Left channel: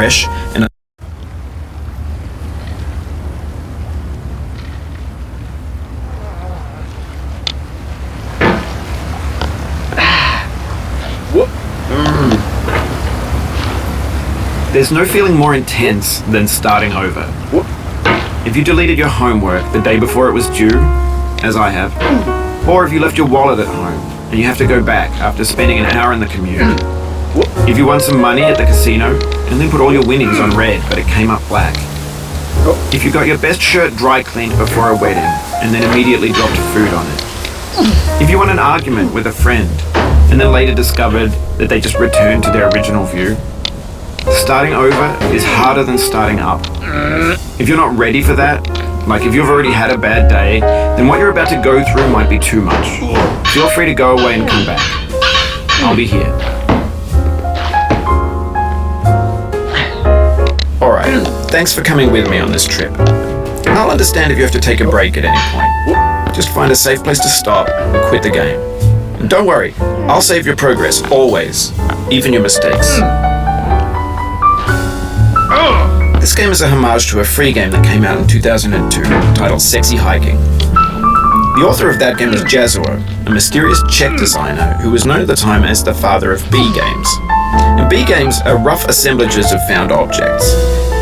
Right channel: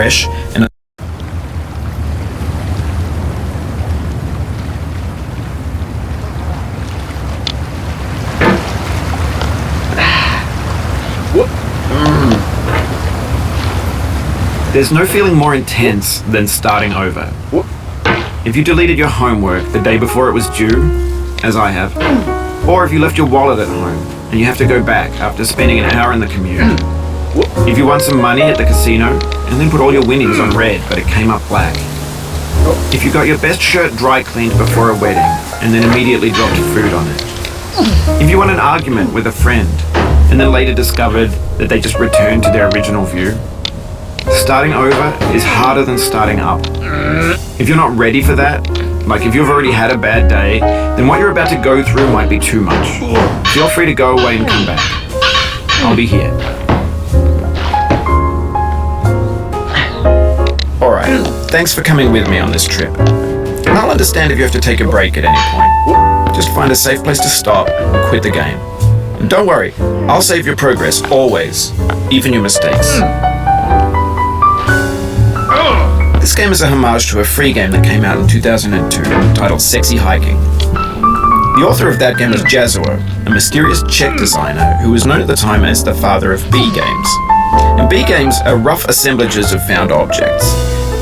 fresh and There's no feeling more intense than starting over. If you deleted your homework the day before it was due, as I have, or if you left your wallet at home and you have to go back after spending an hour in the commute. If you won some money at the casino and then put all your winnings on red but it came up black. If you got your best shirt dry cleaned before a wedding and then immediately dropped food on it. If you won an argument with a friend and then later discovered that they just returned to their original view. Starting over is harder than starting up. If you're not ready for that, like if you've already had a bad day, then what you're about to go through might be too much. Feel free to go away and come back. I'll be here. Alright, thanks for coming with me on this trip. I'll understand if you have to take a break at any point. Just find a safe place to stop and quit the game. And don't worry, I'll save your progress, always, even your mistakes. This game is a homage to a free game that came out in 2002 titled Sexy Hiking. The author of that game was Jazuo, a mysterious Czech designer who was known at the time as the father of B games. And B games are rough assemblages of found objects.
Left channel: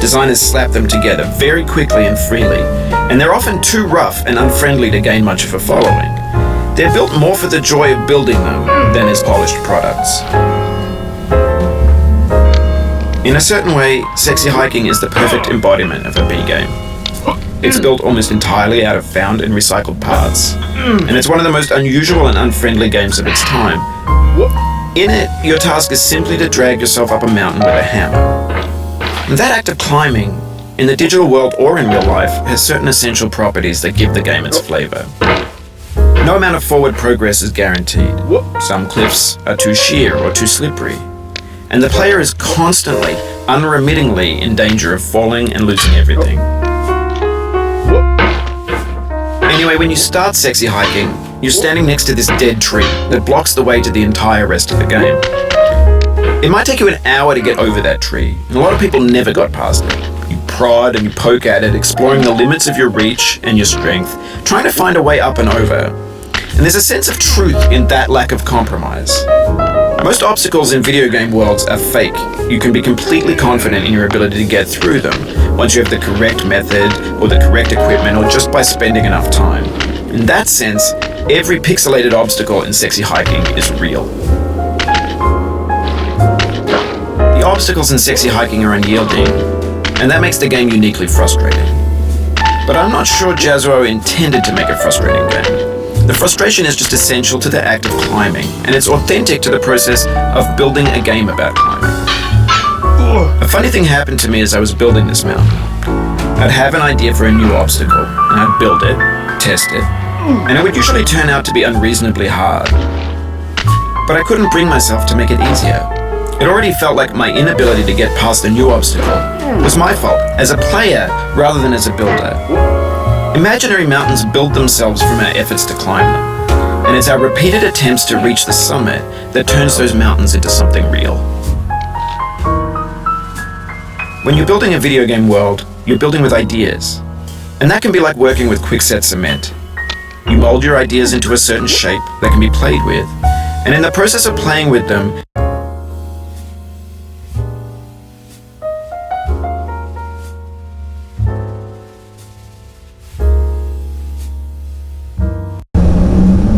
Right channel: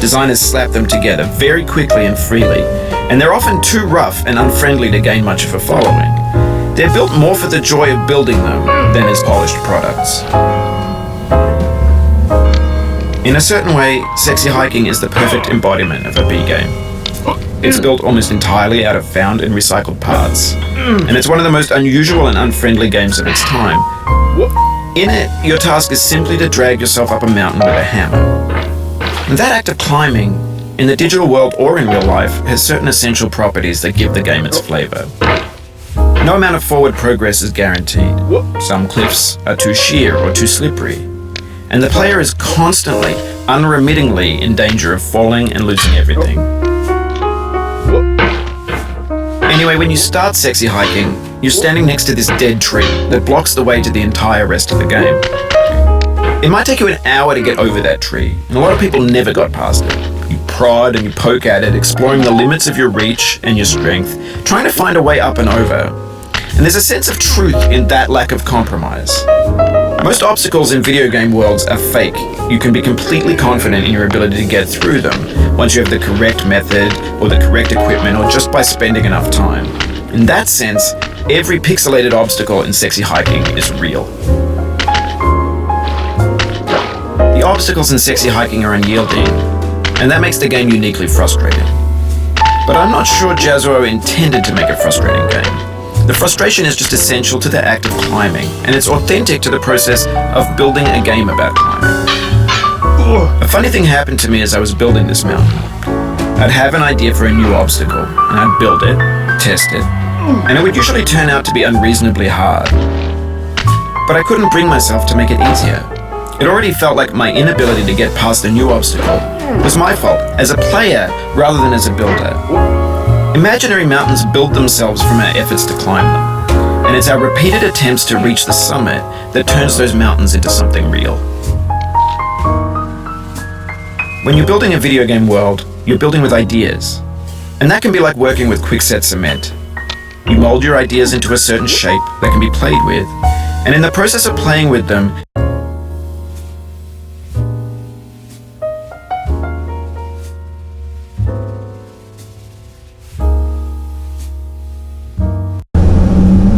Designers slap them together very quickly and freely, and they're often too rough and unfriendly to gain much of a following. They're built more for the joy of building them than as polished products. In a certain way, Sexy Hiking is the perfect embodiment of a B game. It's built almost entirely out of found and recycled parts, and it's one of the most unusual and unfriendly games of its time. In it, your task is simply to drag yourself up a mountain with a hammer. And that act of climbing, in the digital world or in real life, has certain essential properties that give the game its flavor. No amount of forward progress is guaranteed. Some cliffs are too sheer or too slippery. And the player is constantly, unremittingly in danger of falling and losing everything. Anyway, when you start Sexy Hiking, you're standing next to this dead tree that blocks the way to the entire rest of the game. It might take you an hour to get over that tree, and a lot of people never got past it. You prod and you poke at it, exploring the limits of your reach and your strength, trying to find a way up and over. And there's a sense of truth in that lack of compromise. Most obstacles in video game worlds are fake. You can be completely confident in your ability to get through them once you have the correct method or the correct equipment or just by spending enough time. In that sense, every pixelated obstacle in Sexy Hiking is real. The obstacles in Sexy Hiking are unyielding, and that makes the game uniquely frustrating. But I'm not sure Jazuo intended to make a frustrating game. The frustration is just essential to the act of climbing, and it's authentic to the process of building a game about climbing. A funny thing happened to me as I was building this mountain. I'd have an idea for a new obstacle, and I'd build it, test it, and it would usually turn out to be unreasonably hard. But I couldn't bring myself to make it easier. It already felt like my inability to get past a new obstacle was my fault, as a player rather than as a builder. Imaginary mountains build themselves from our efforts to climb them, and it's our repeated attempts to reach the summit that turns those mountains into something real. When you're building a video game world, you're building with ideas, and that can be like working with quickset cement. You mold your ideas into a certain shape that can be played with, and in the process of playing with them,